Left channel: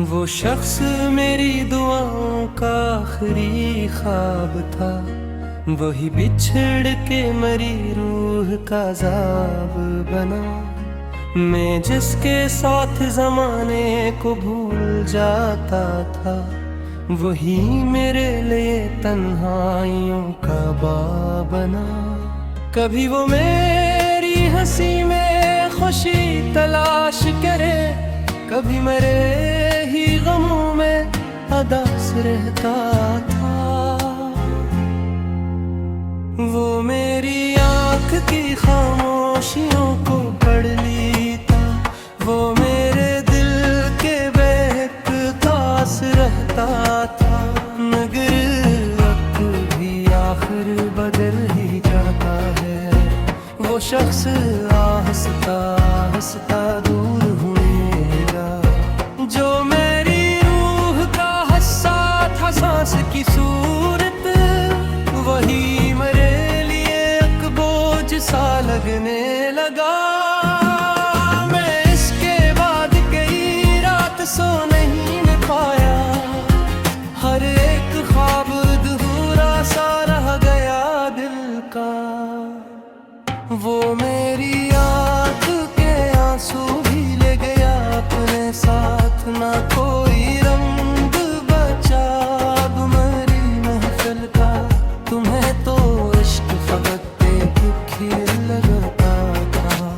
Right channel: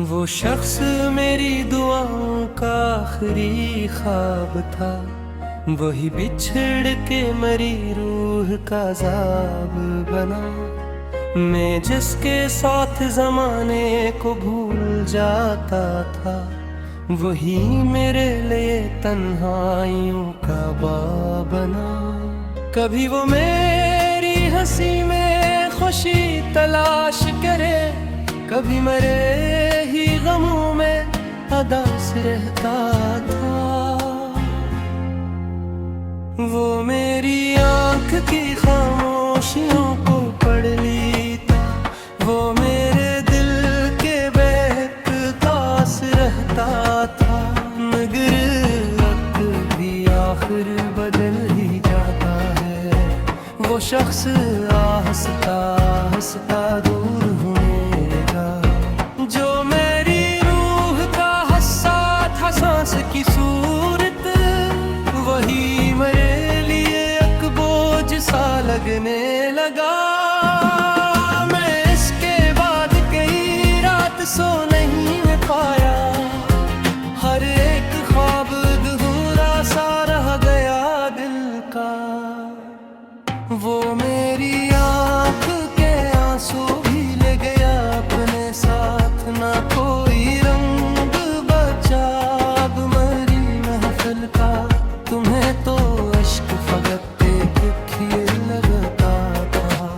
वो शख्स मेरी दुआओं का आखिरी ख्वाब था, वही बिछड़ के मरी रूह का ज़ाब बना। मैं जिसके साथ ज़माने को भूल जाता था, वही मेरे लिए तन्हाइयों का बाब बना। कभी वो मेरी हंसी में खुशी तलाश करे, कभी मेरे ही गमों में अदास रहता था। वो मेरी आँख की खामोशियों को पढ़ लेता, वो मेरे दिल के बेहतास रहता था। मगर वक्त भी आखिर बदल ही जाता है, वो शख्स आहिस्ता आहिस्ता दूर होने लगा। जो मेरी रूह का हस्सा था सांस की सूरत, वही मेरे लिए एक बोझ सा लगने लगा। मैं इसके बाद कई रात सो नहीं पाया, हर एक ख्वाब अधूरा सा रह गया दिल का। वो मेरी आँख के आंसू भी ले गया अपने साथ, ना कोई रंग बचा अब मरी महफिल का। तुम्हें तो इश्क फकत एक खीर लगता था,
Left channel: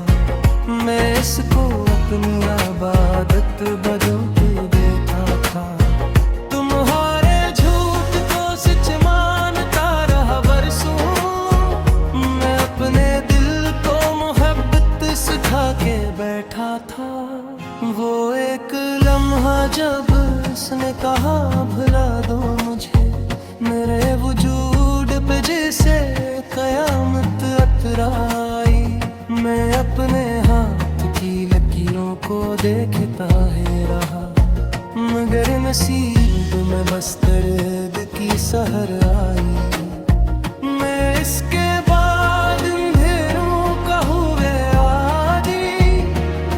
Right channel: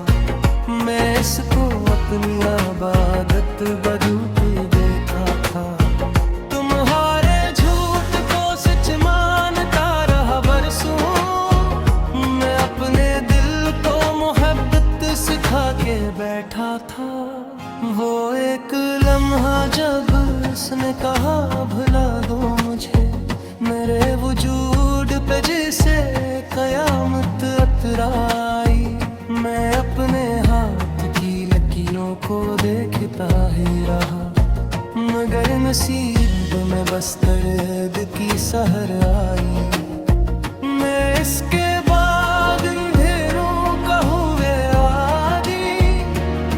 मैं इसको अपनी आबादत बदलती देता था। तुम्हारे झूठ को सच मानता रहा बरसों, मैं अपने दिल को मोहब्बत सिखा के बैठा था। वो एक लम्हा जब उसने कहा भुला दो मुझे, मेरे वजूद पे जैसे कयामत अतराई। मैं अपने हाथ की लकीरों को देखता ही रहा, मगर नसीब में बस दर्द की सहर आई। मैं इसके बाद अंधेरों का हुए आदी,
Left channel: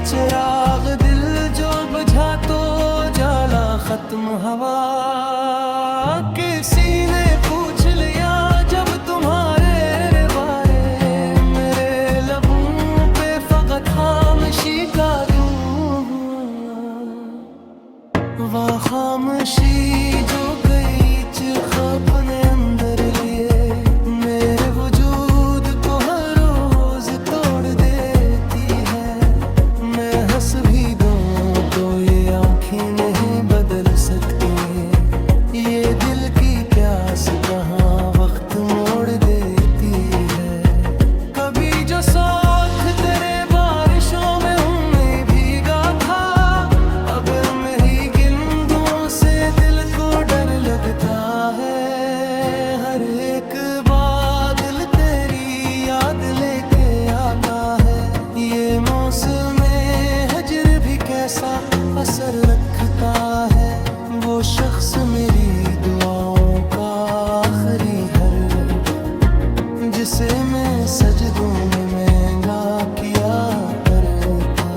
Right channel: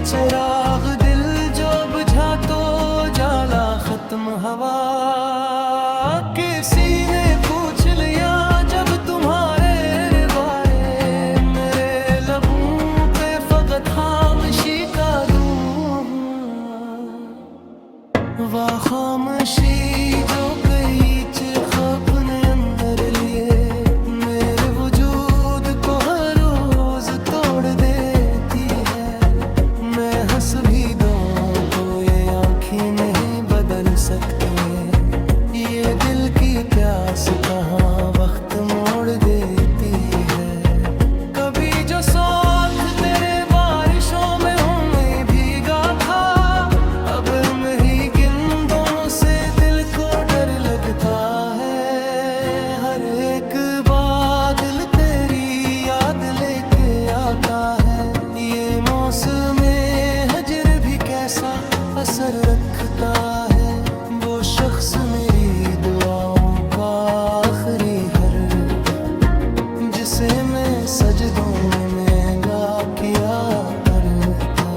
चिराग दिल जो बुझा तो जाला खत्म हवा। किसी ने पूछ लिया जब तुम्हारे बारे, मेरे लबों पे फकत खामोशी का दूं। वह खामोशी जो कई चिख अपने अंदर लिए, मेरे वजूद को हर रोज तोड़ देती है। मैं हंस भी दूं तो ये आँखें नहीं बदल सकती, ये दिल की प्यास कहाँ वक्त मोड़ देती है। कभी जो साथ तेरे बारिशों में हूँ मैं भीगा था, अब मैं ही गिंदों से दिल को डर लगता है। हर एक बादल तेरी याद लेके आता है, ये मौसम हजर भी कैसा असर रखता है। वो शख्स मेरी दुआओं का आखिरी हर, जिसे मैं सजदों में महंगा किया करता।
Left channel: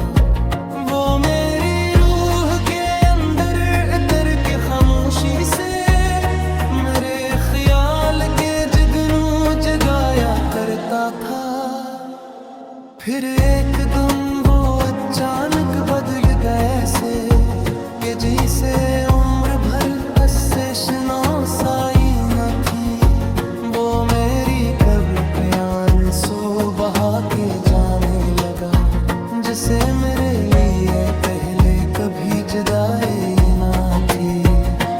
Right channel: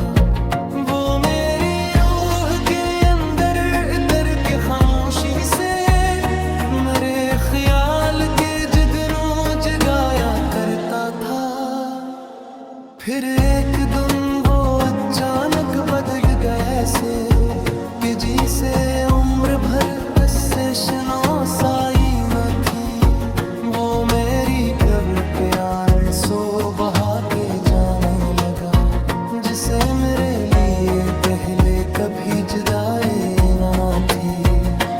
वो मेरी रूह के अंदर इतर के खामोशी से मेरे ख्याल के जगनू जगाया करता था। फिर एक दिन वो अचानक बदल गए ऐसे कि जिसे उम्र भर अस्से शनासाई न थी। वो मेरी कब्र पे आंसू बहा के जाने लगा, जिसे मेरे लिए पहले कभी जुदाई न थी।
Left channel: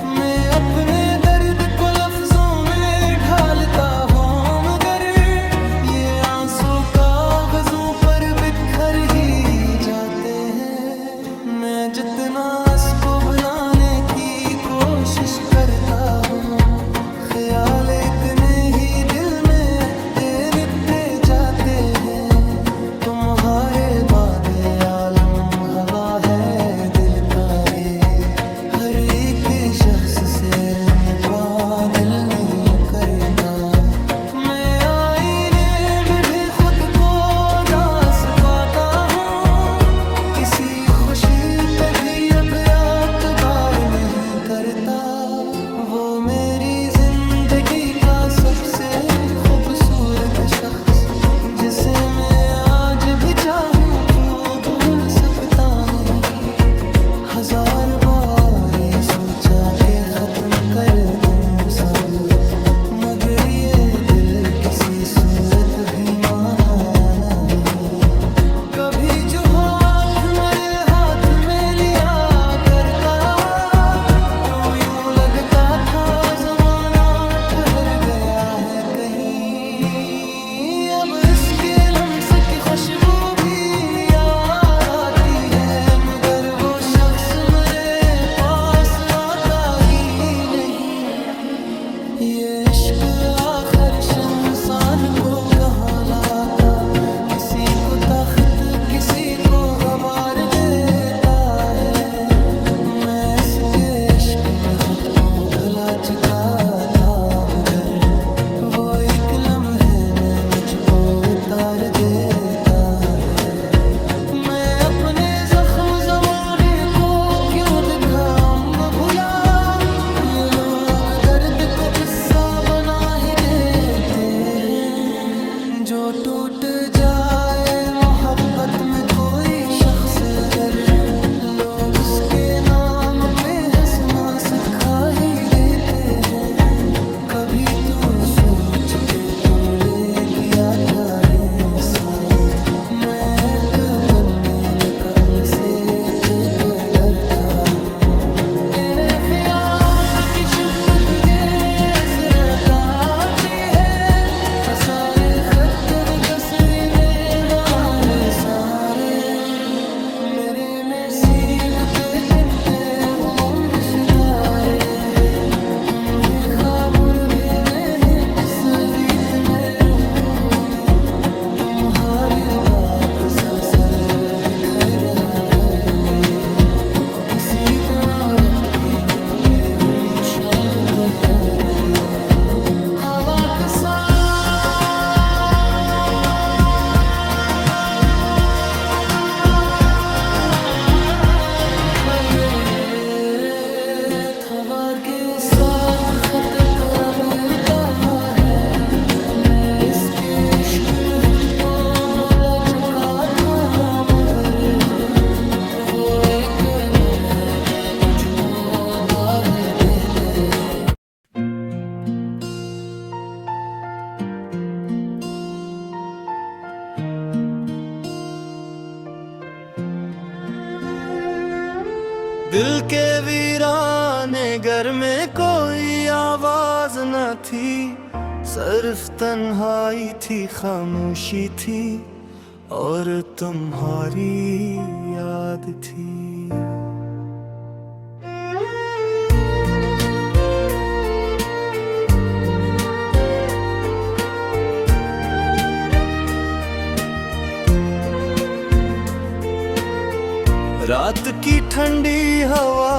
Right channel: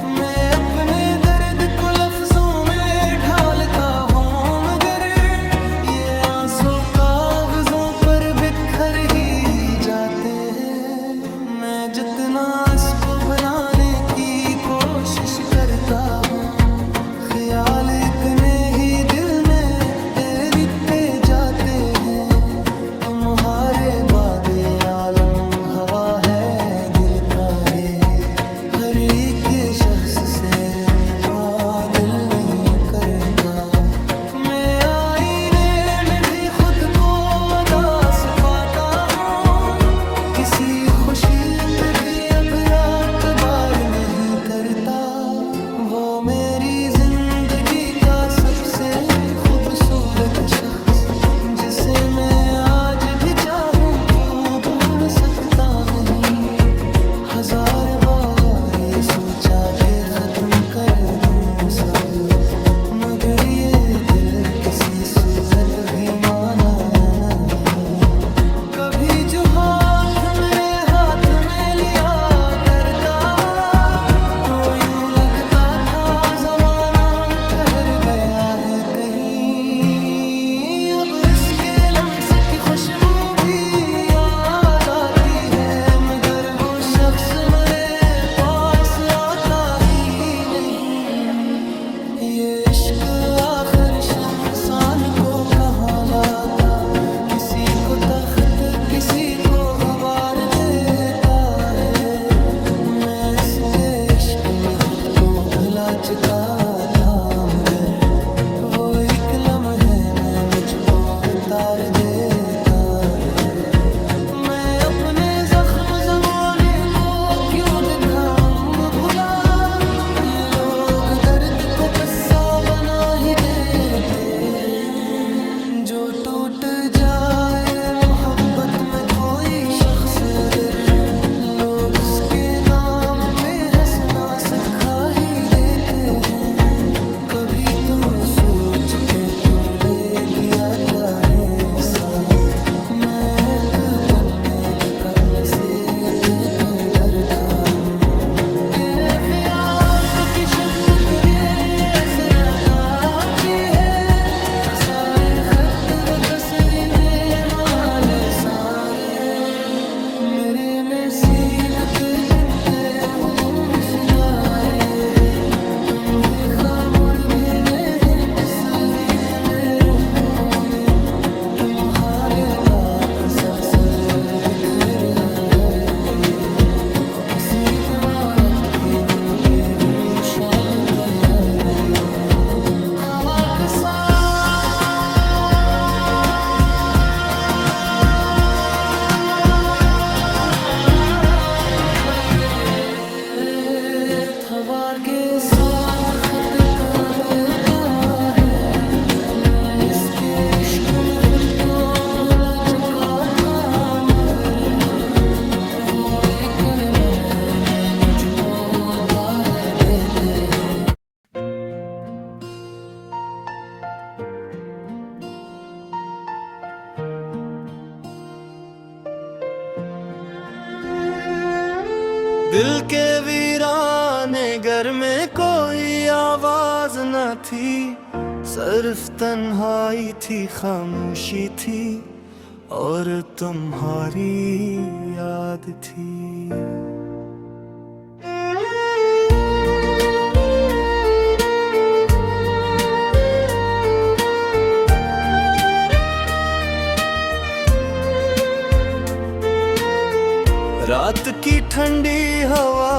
मैं अपने दर्द को लफ्जों में ढालता हूँ, मगर ये आंसू कागजों पर बिखर ही जाते हैं। मैं जितना इसको भुलाने की कोशिश करता हूँ, ख्याल इतने ही दिल में तैरते जाते हैं। तुम्हारे बाद ये आलम हवा है दिल का रे, हर एक शख्स से का दिल नहीं करता। मैं आईने में भी खुद को उदास पाता हूँ, किसी खुशी पे भी अब एतबार नहीं करता। वो मेरी जिंदगी का सबसे खूबसूरत शख्स, जिसे मैं आज भी चाहूं तो भूल सकता नहीं। हजार बार ये सोचा कि खत्म कर दूं सब, मगर ये दिल किसी सूरत भी माना नहीं। कभी जो हाथ मेरे हाथ में लिया करता, तो यूं लगता था जमाना ठहर गया है कहीं। अब इसके लम्स की खुशबू भी याद आती है, मगर वो शख्स मेरे पास आता ही नहीं। ये इश्क आखिर इंसान को कहाँ लाता, किसी को तख्त किसी को गवार देता है। मैं इसके इश्क में खुद को भुला चुका था, मगर वो एक लम्हे में मुझको उतार देता है। मैं अपने जख्म जमाने को क्यों दिखाऊं भुला, ये लोग दर्द को किस्सा बना ही देते हैं। जो टूट जाए मोहब्बत में कोई शख्स अगर, लोग उसके नाम पे हंसना सिखा ही देते हैं। कभी तू सोच के तू ले किया क्या है साथ, मैं एक कन्ने कल से दिल पे भरता हूँ। तेरे ख्याल की शिद्दत तुझे ऐसे रताती है, सारे खत व तस्वीरें हमारे सारे मेरे नसीब पे गिनते वो सितारे हैं। तुम्हें खामुर भेने हैं जिस गीत में रों में, तुम्हारे बाप तसलसल दिख रहा है। किसी दौलत की नो पे हुई शाल के यार में हवा के साथ के साथ खत करबता है। मैं इसके इश्क में खुद को भूला चुका था, मगर वो एक कर्म है मैं मुझको काहे देते हैं। दिल के वीराने घर में कोई आवाज न थी, सिर्फ तन्हाई थी, खामोशी थी और तुम्हारी याद थी। रात की ठंडी हवा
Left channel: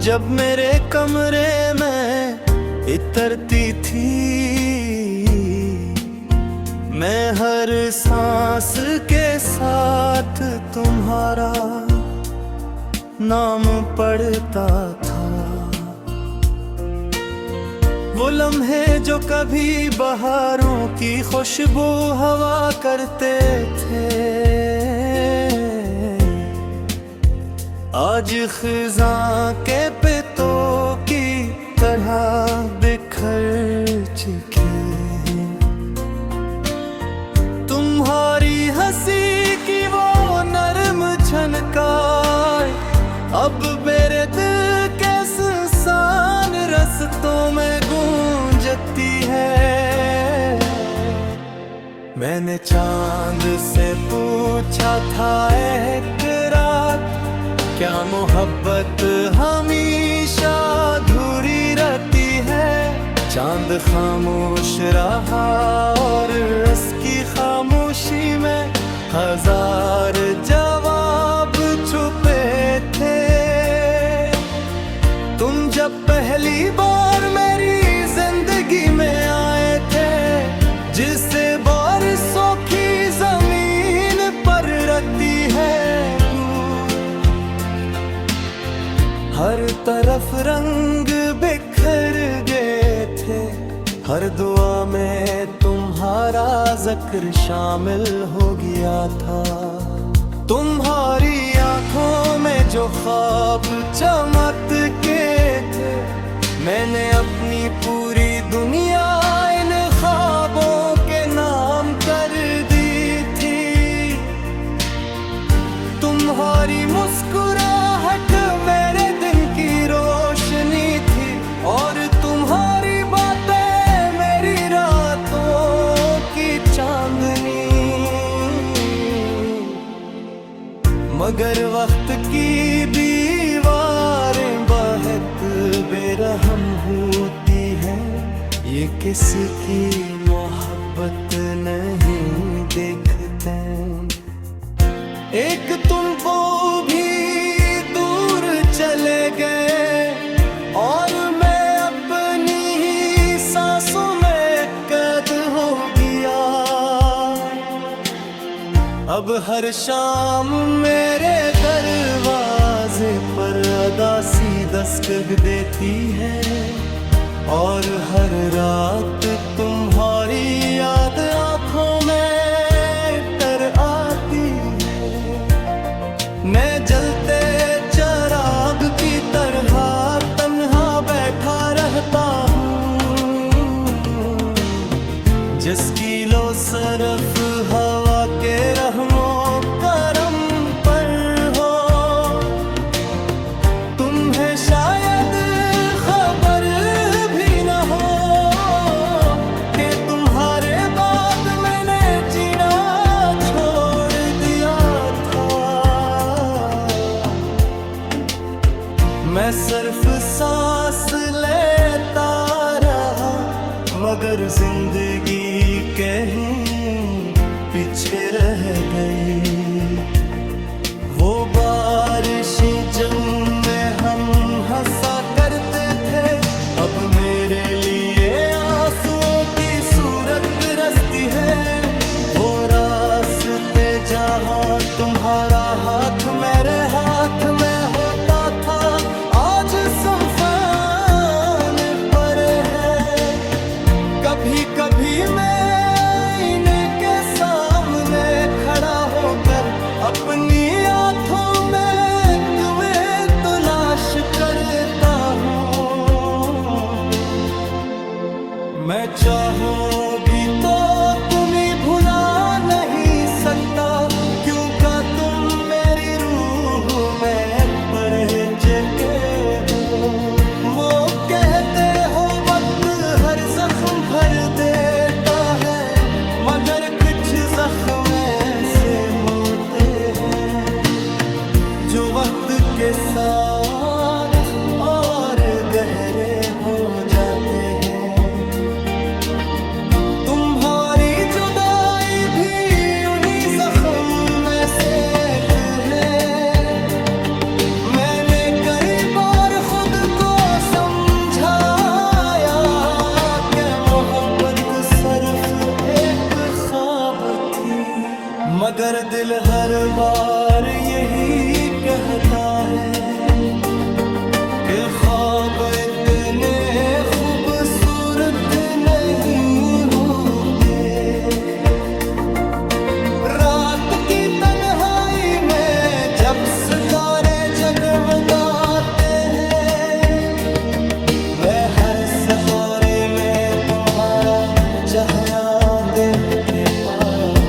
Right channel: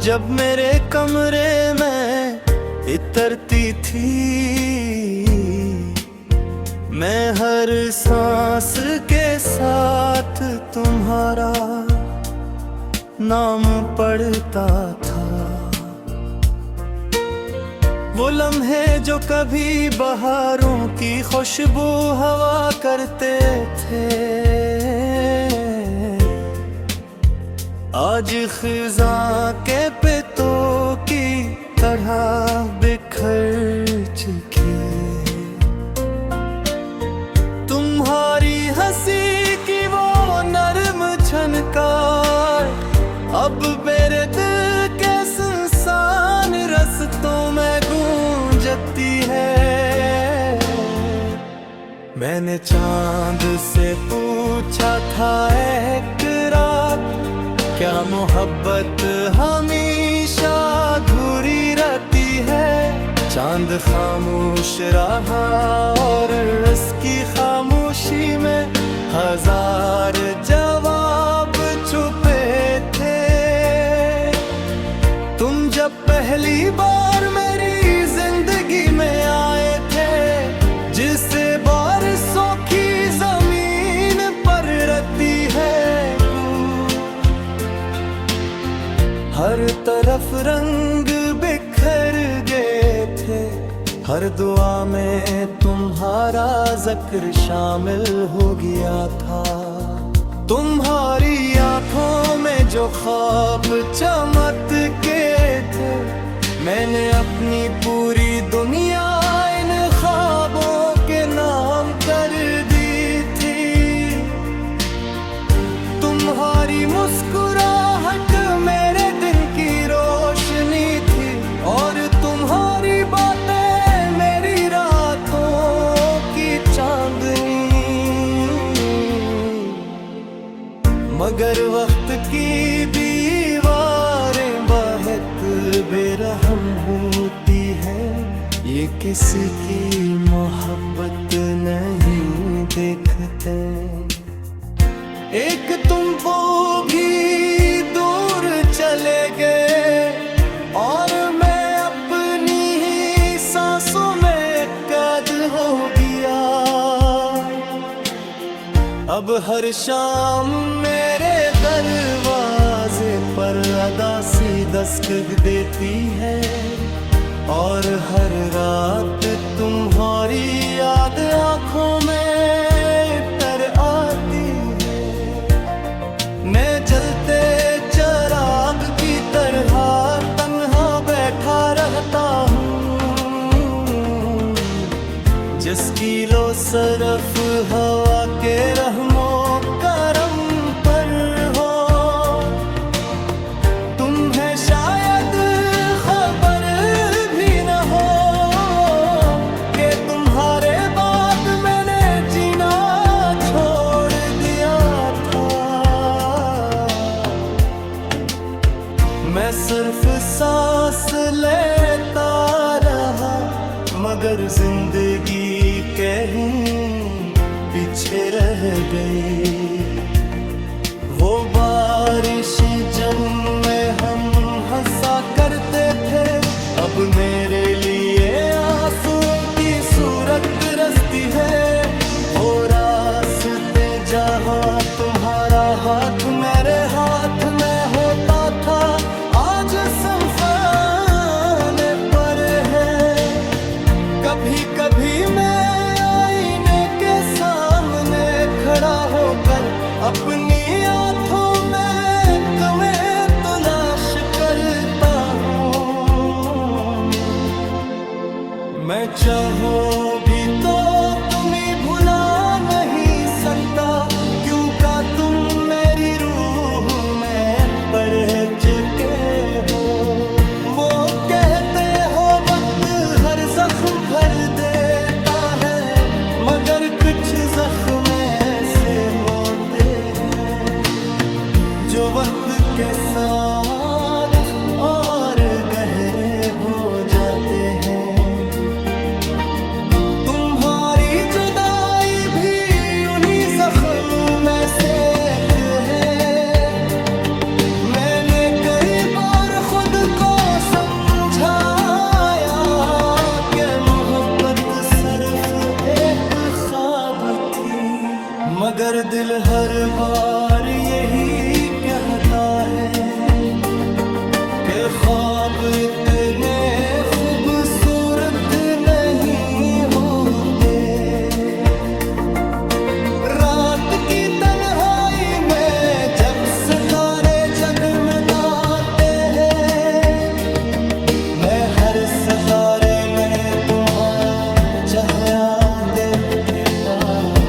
जब मेरे कमरे में इतरती थी, मैं हर सांस के साथ तुम्हारा नाम पढ़ता था। वो लम्हे जो कभी बहारों की खुशबू हवा करते थे, आज खिज़ां के पितों की तरह बिखर चुके हैं। तुम्हारी हंसी की वो नरम झनकार अब मेरे दिल के सुनसान रस्तों में गूंजती है। मैंने चांद से पूछा था एक रात, क्या मोहब्बत हमेशा अधूरी रहती है। चांद खामोश रहा और उसकी खामोशी में हजार जवाब छुपे थे। तुम जब पहली बार मेरी जिंदगी में आए थे, जिसे बारिशों की जमीन पर रहती है, हर तरफ रंग बिखर गए थे, हर दुआ में तुम्हारा जिक्र शामिल हो गया था। तुम्हारी आंखों में जो ख्वाब चमकते थे, मैंने अपनी पूरी दुनिया इन ख्वाबों के नाम कर दी थी। तुम्हारी मुस्कुराहट मेरे दिन की रोशनी थी, और तुम्हारी बातें मेरी रातों की चांदनी। मगर वक्त की दीवारें बहुत बेरहम होती हैं, ये किसी की मोहब्बत नहीं देखते। एक तुम वो भी दूर चले गए, और मैं अपनी ही सांसों में कैद हो गया। अब हर शाम मेरे दरवाजे पर अदासी दस्तक देती है, और हर रात तुम्हारी याद आंखों में तर आती है। मैं जलते चिराग की तरह तन्हा बैठा रहता हूँ, जिसकी लो सरफ हवा के रहमो करम पर हो। तुम्हें शायद खबर भी न हो कि तुम्हारे बाद मैंने जीना छोड़ दिया था। मैं सिर्फ सांस लेता रहा, मगर जिंदगी कहीं पीछे रह गई। वो बारिशें जब में हम हंसा करते थे, अब मेरे लिए आंसुओं की सूरत बरसती है। वो रास्ते जहाँ तुम्हारा हाथ मेरे हाथ में होता था, आज संफाने पर है। कभी कभी मैं आईने के सामने खड़ा होकर अपनी आंखों में तुम्हें तलाश करता हूँ। मैं चाहो भी तो तुम्हें भुला नहीं सकता, क्योंकि तुम मेरी रूह में पड़े चुके हो। वो कहते हो वक्त हर जख्म भर देता है, मगर कुछ जख्म ऐसे होते हैं जो वक्त के साथ और गहरे हो जाते हैं। तुम्हारी जुदाई भी उन्हीं जख्मों में से एक है। मैंने कई बार खुद को समझाया कि मोहब्बत सिर्फ एक ख्वाब थी, मगर दिल हर बार यही कहता है कि ख्वाब इतने खूबसूरत नहीं होते। रात की तन्हाई में जब सितारे जगमगाते हैं, मैं हर सितारे में तुम्हारा चेहरा देखता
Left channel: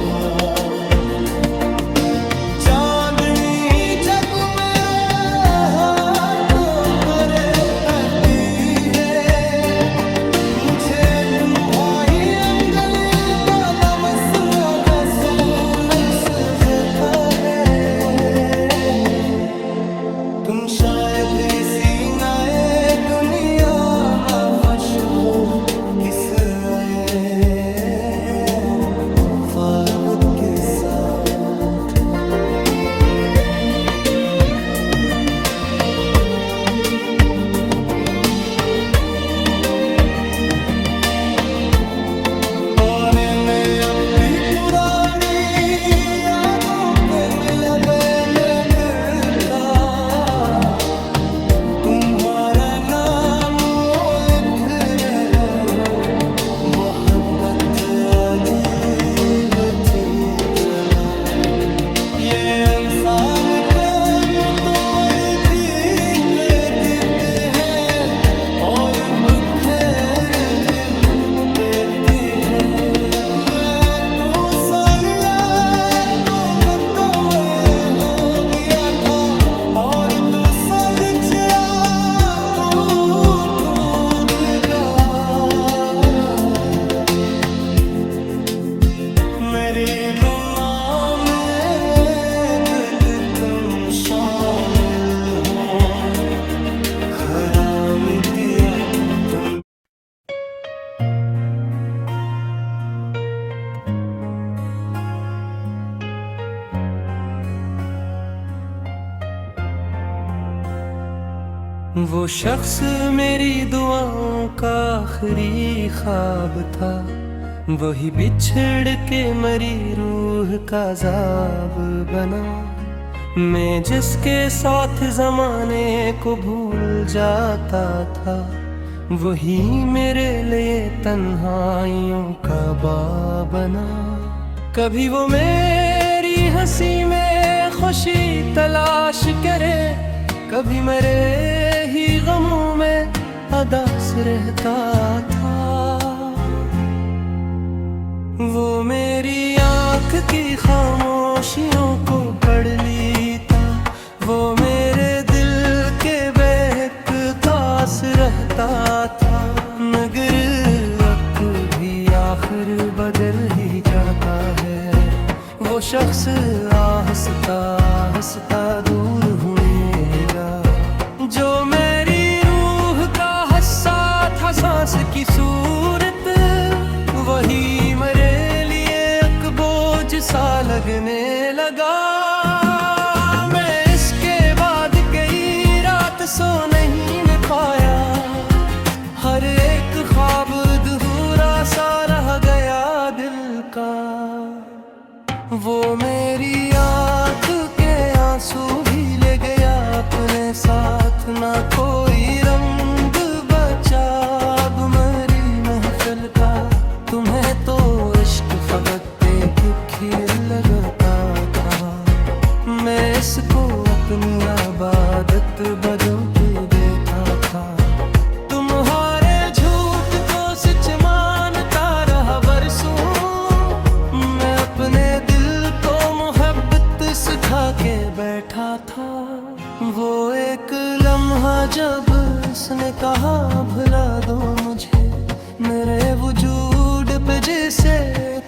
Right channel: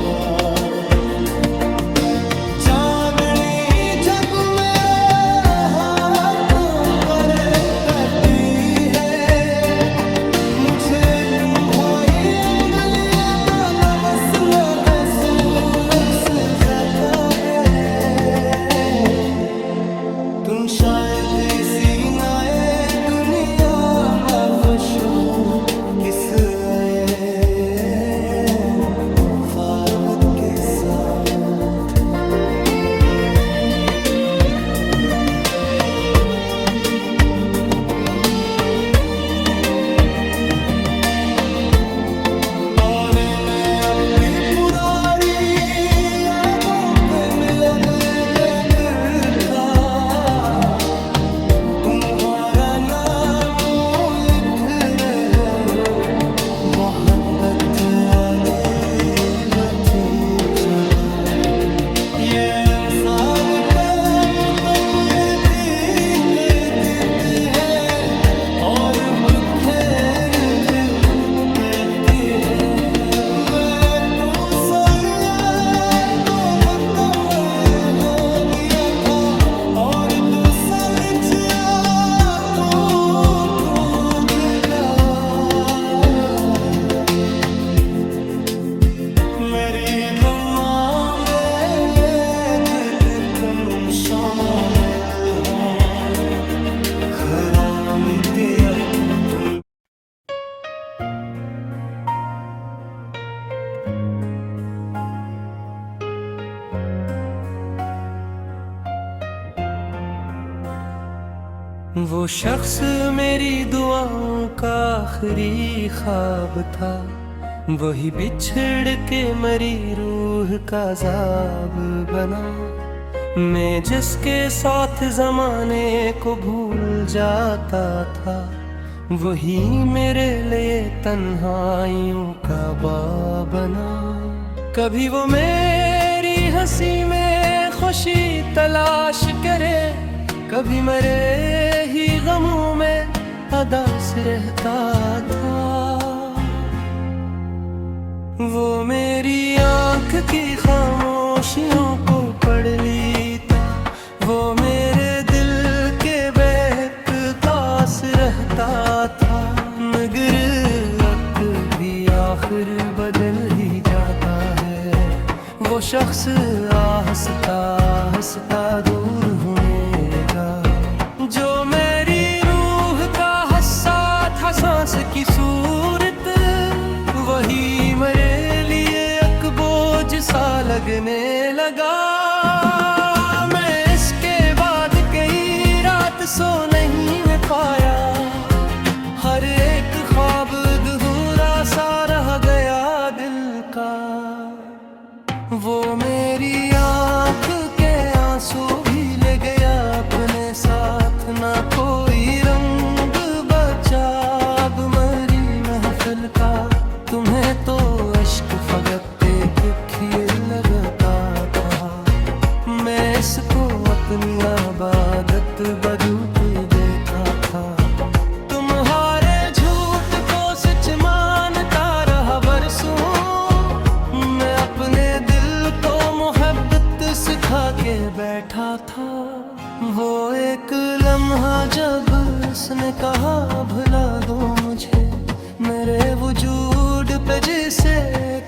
हूँ। चांदनी जग मेरे हाथों पर तकती है, मुझे तुम्हारी अंगलियों का लमसना महसूस जाता है। तुम शायद इसी नए दुनिया में फश हो, किस आए ख्वाब के साथ। और मैं अपनी पुरानी यादों पे मिल गया था। उठ रहे हो, मोहब्बत अजीब थी जगह। ये इंसान को मुकम्मल जीते जीते है और बिखेर के रखी है। मैं तू सानिया तो मुकम्मल हो गया था और तू सदिया तू दिगा। मेरी दुआ में तुम शामिल हो, हराम किया तुम। वो शख्स मेरी दुआओं का आखिरी ख्वाब था, वही बिछड़ के मरी रूह का ज़ाब बना। मैं जिसके साथ ज़माने को भूल जाता था, वही मेरे लिए तन्हाइयों का बाब बना। कभी वो मेरी हंसी में खुशी तलाश करे, कभी मेरे ही गमों में अदास रहता था। वो मेरी आँख की खामोशियों को पढ़ लेता, वो मेरे दिल के बहकास रहता था। मगर वक्त भी आखिर बदल ही जाता है, वो शख्स आहिस्ता आहिस्ता दूर होने लगा। जो मेरी रूह का हस्सा था सांस की सूरत, वही मेरे लिए एक बोझ सा लगने लगा। मैं इसके बाद कई रात सो नहीं मैं पाया, हर एक ख्वाब अधूरा सा रह गया दिल का। वो मेरी आँख के आंसू भी ले गया अपने साथ, ना कोई रंग बचा अब मरी महफिल का। तुम्हें तो इश्क फकत एक खीर लगता था, मैं इसको अपनी आबादत बदलते देता था। तुम्हारे झूठ को सच मानता रहा बरसों, मैं अपने दिल को मोहब्बत सिखा के बैठा था। वो एक लम्हा जब उसने कहा भुला दो मुझे, मेरे वजूद पे जैसे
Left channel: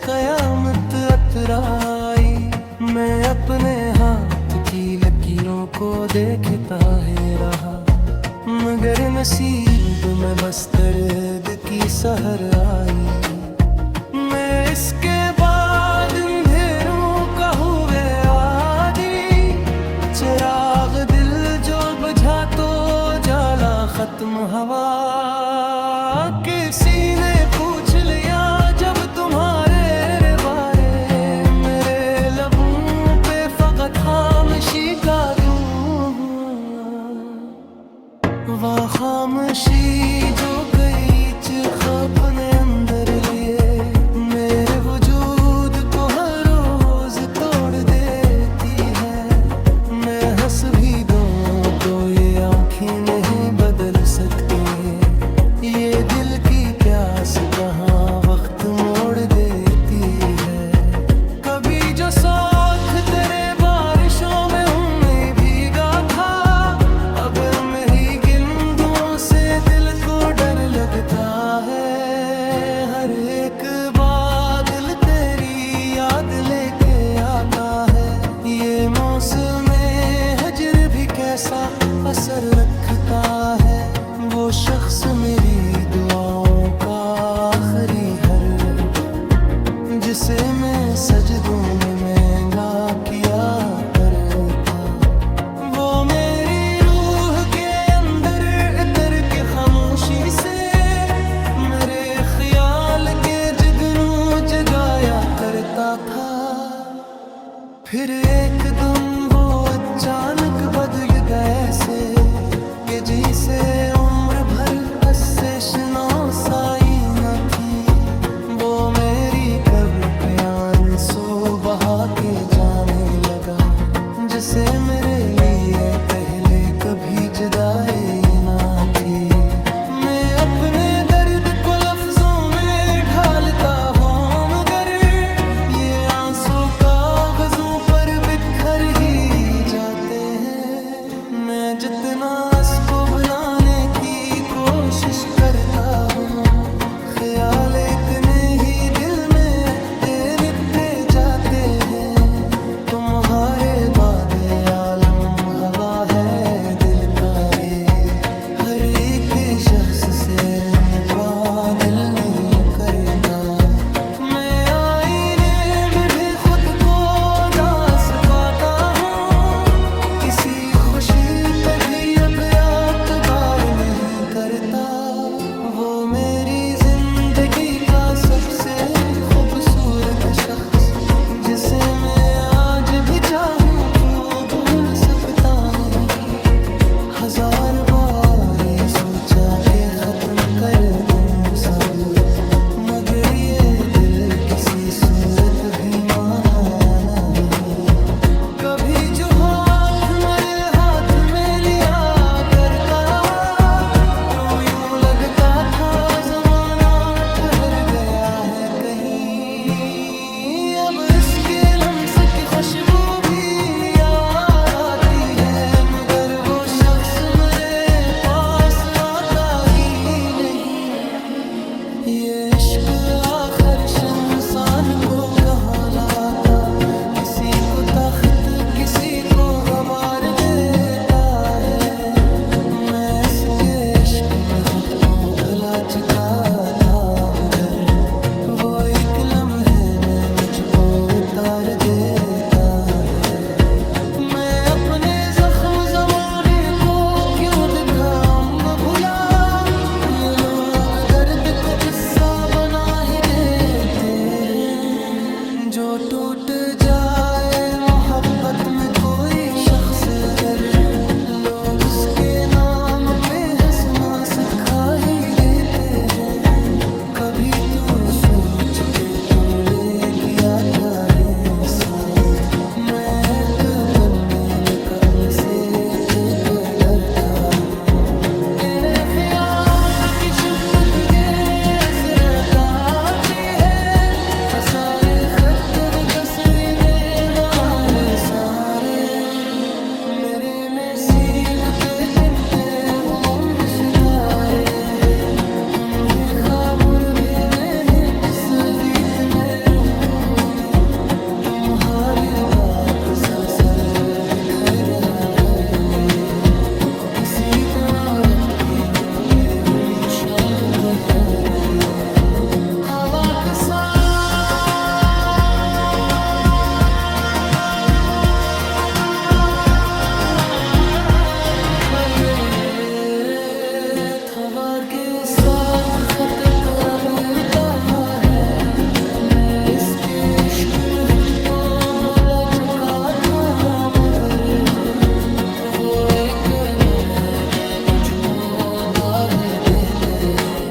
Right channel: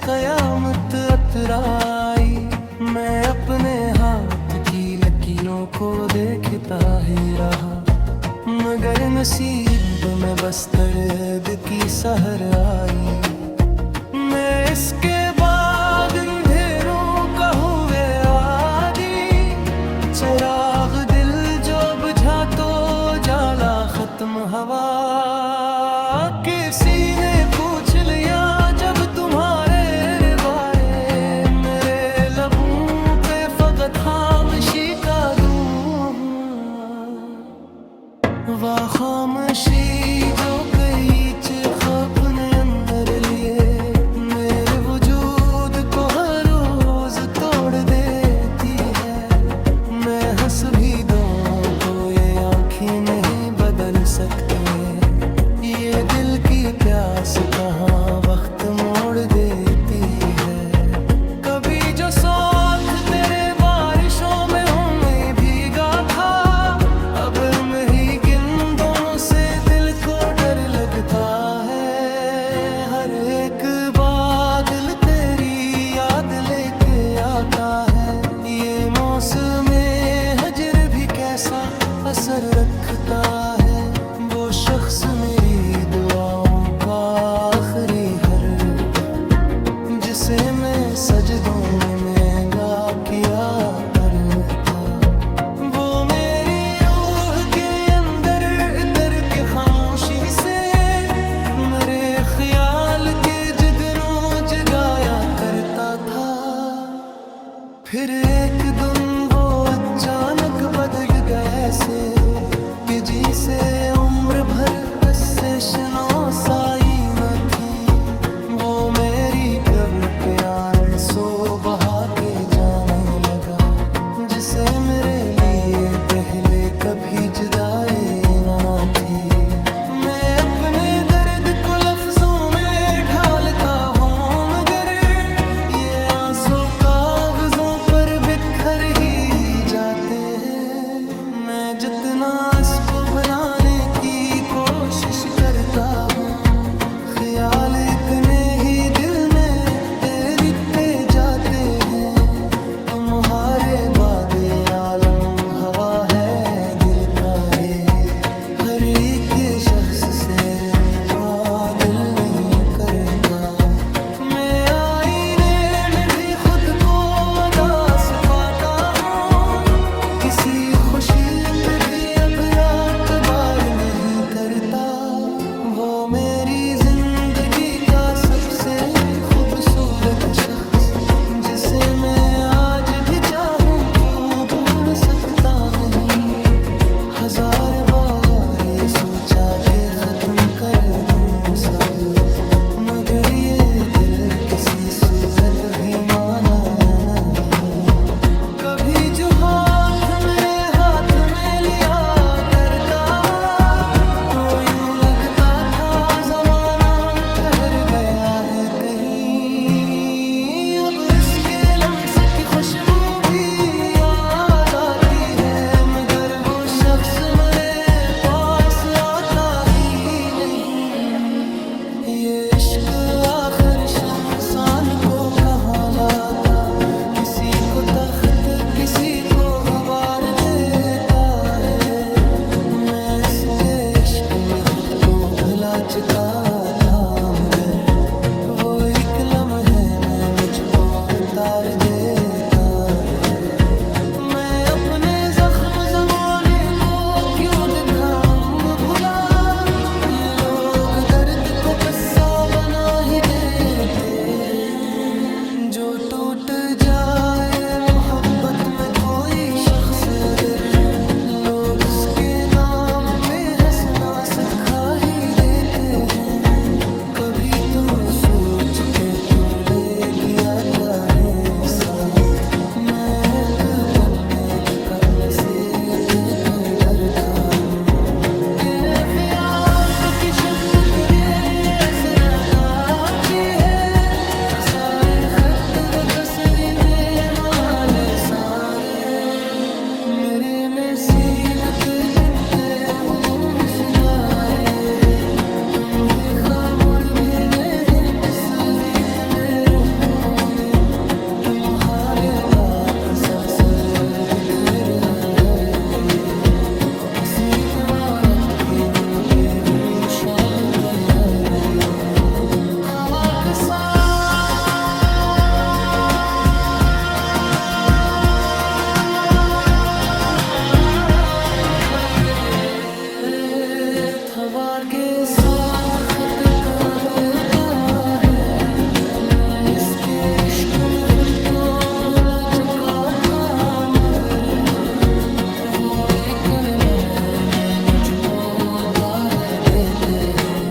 कयामत अतराई। मैं अपने हाथ की लकीरों को देखता ही रहा, मगर नसीब में बस दर्द की सहर आई। मैं इसके बाद अंधेरों का हुए आदी, चिराग दिल जो बुझा तो जाला खत्म हवा। किसी ने पूछ लिया जब तुम्हारे बारे, मेरे लबों पे फकत खामोशी का दूं। वह खामोशी जो कई चिख अपने अंदर लिए, मेरे वजूद को हर रोज तोड़ देती है। मैं हंस भी दूं तो ये आँखें नहीं बदल सकती, ये दिल की प्यास कहाँ वक्त मोड़ देती है। कभी जो साथ तेरे बारिशों में हूँ मैं भीगा था, अब मैं ही गिंदों से दिल को डर लगता है। हर एक बादल तेरी याद लेके आता है, ये मौसम हजर भी कैसा असर रखता है। वो शख्स मेरी दुआओं का आखिरी हर, जिसे मैं सजदों में महंगा किया करता। वो मेरी रूह के अंदर इतर के खामोशी से मेरे ख्याल के जगनू जगाया करता था। फिर एक दिन वो अचानक बदल गया ऐसे कि जिसे उम्र भर अस्से-शनो साई न थी, वो मेरी कब्र पे आंसू बहा के जाने लगा। जिसे मेरे लिए पहले कभी जुदाई न थी। मैं अपने दर्द को लफ्जों में ढालता हूँ, मगर ये आंसू कागजों पर बिखर ही जाते हैं। मैं जितना इसको भुलाने की कोशिश करता हूँ, ख्याल इतने ही दिल में तैरते जाते हैं। तुम्हारे बाद ये आलम हवा है दिल का रे, हर एक शख्स से रंपा दिल नहीं करता। मैं आईने में भी खुद को उदास पाता हूँ, किसी खुशी पे भी अब एतबार नहीं करता। वो मेरी जिंदगी का सबसे खूबसूरत शख्स, जिसे मैं आज भी चाहूँ तो भूल सकता नहीं। हजार बार ये सोचा कि खत्म कर दूँ सब, मगर ये दिल किसी सूरत भी माना नहीं। कभी जो हाथ मेरे हाथ में लिया करता, तो यूं लगता था जमाना ठहर गया है कहीं। अब इसके लम्स की खुशबू भी याद आती है, मगर वो शख्स मेरे पास आता ही नहीं। ये इश्क आखिर इंसान को कहाँ लाता, किसी को तख्त किसी को गवार देता है। मैं इसके इश्क में खुद को भुला चुका था, मगर वो एक लम्हे में मुझको उतार देता है। मैं अपने जख्म जमाने को क्यों दिखाऊं भुला, ये लोग दर्द को किस्सा बना ही देते हैं। जो टूट जाए मोहब्बत में कोई शख्स अगर, लोग उसके नाम पे हंसना सिखा ही देते हैं। कभी तू सोच के तूने किया क्या है साथ, मैं एक दम मेल कल से टिप भर था हूँ। तेने ख्यात की शिद्दत रे ऐसे रहती है, सारे खत व तस्वीर में हमारे सारे। मेरे नसीब पे तुम पे वो सितारे हैं, तुम्हें खामुर भेने हैं जिस गीत में रूहों में। तुम्हारे बाप सलसल दिख रहा है में, किसी दौलत की मुँह पे हुई शाल की यार में। हवा के साथ के साथ खत करबता है। मैं इसके इश्क में खुद को भूला चुका था, मगर वो एक लम्हे में मुझको काहे देते हैं।